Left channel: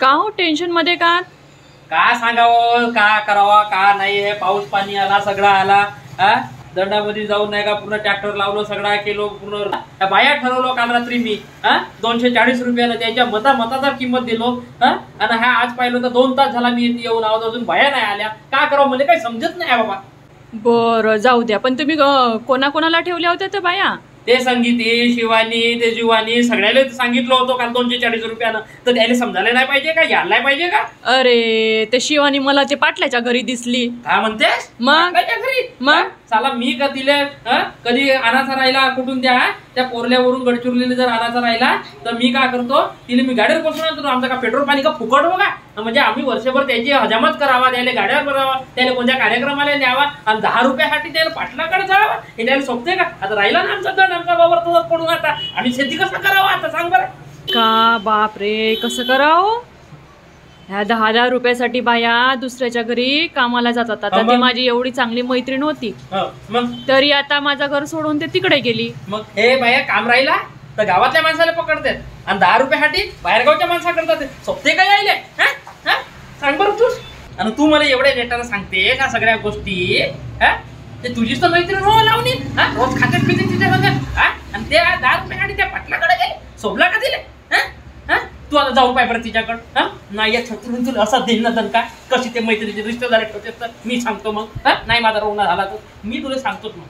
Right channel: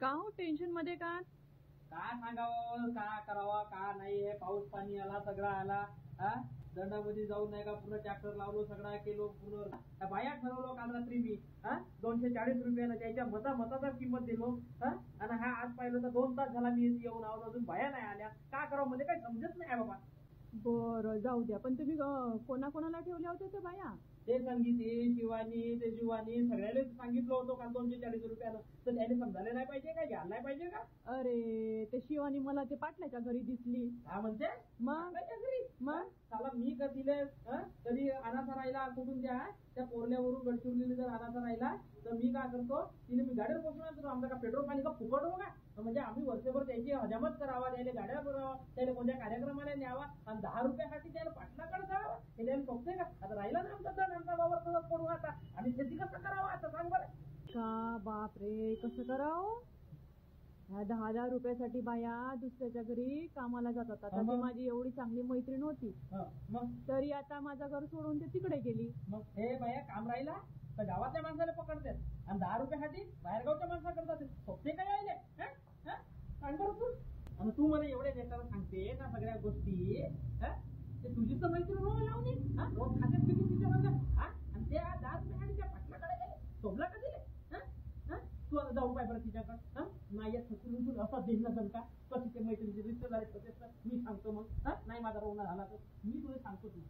का हो टेन्शन मध्ये का सांगावं, का करावा का नाही, हे पाऊस पाणी आला सगळा आला. दंडामध्ये जाऊन नाही का पूर्ण ट्रॅक्टर लावलो, सगळा केलो पूर्ण. बाया ठरवलो काल रात्री मी 240 रुपयाला त्यांच्या मताचा किंमत दिलो. आणि हा आज पाहिलं तर 2 तास झाला मी येऊन आहोत, अजून बाया नाही आल्या. का करावं म्हणजे काही समजत नाही बाबा. बरं जाऊ द्या, पण तुम्ही कोणाकोणाला ठेवल्या होत्या त्या बाया? ते संगीती, शिवानी, ते जीवानी सगळ्याला सांगितलं होतं काल 240 रुपयानं. तर त्याला समजायला नाही पाहिजे का, यायला नाही पाहिजे का? अरे ते शिवानी मला ते पाटल्याच्या घरी दिसली. काय म्हणतेस? मग घरी मग साला मी का तिला कधी अनाचा राहिला कुठून त्या पोरल्यावरून गडचिरोलीला जर अनाचा राहिला तर मी काय करतो, तिला मी गाडीवर बसून आणतो. आमचा का पेट्रोल पाणी का फुकट हो का? म्हणजे आम्ही वर्षभर त्याची हजामत करावा, त्याला गाड्यावर करावा, त्याला कोणत्या कार्यक्रमाला न्यावा आणि 10 रुपयासाठी त्याला पाटलाकडे जावा, हे त्याला सोपते का? आता राहिला ना आमचा दंड, आमचा बाबर तसंच पडून. आता आणि शेती कसं करावं आता सांग बरं. का बाप रे, कसं करावं? ह्या 10,000 रुपयासाठी बाया दुसऱ्याच्या घरी कामाला जातात. आता ती माझी एवढी चांगली मैत्रीण होती, मग तरी आता माझं घर सोडून ते तिकडे गेली. मग हे बाया काम राहिला तर गावातल्या माणसाला पकडतात आणि 10 रुपयासाठी बाहेरगावच्या माणसा करतात. सोपते काय यायले? सांग बरं तू. आणि तू मला एवढ्या नेटानं सांगते का सगळ्या गोष्टी? ते तुझीच तर मैत्रीण हो लावणी. रोज खात्यात पिते तिच्या संग. आणि त्या 10 रुपयासाठी त्या पाटलाकडे गेले, सोबला का दिले? तू आता जाऊन पाय बरं तिच्याकडं. नाही या छत्रून तुला असा देईन ना दणका, कशी ते मैत्रिणीचे रिश्तेदार ठेवते तर मी सांगतो. मग नाही माझा रोवणा झाला तर मी तुला सांगतोच मग.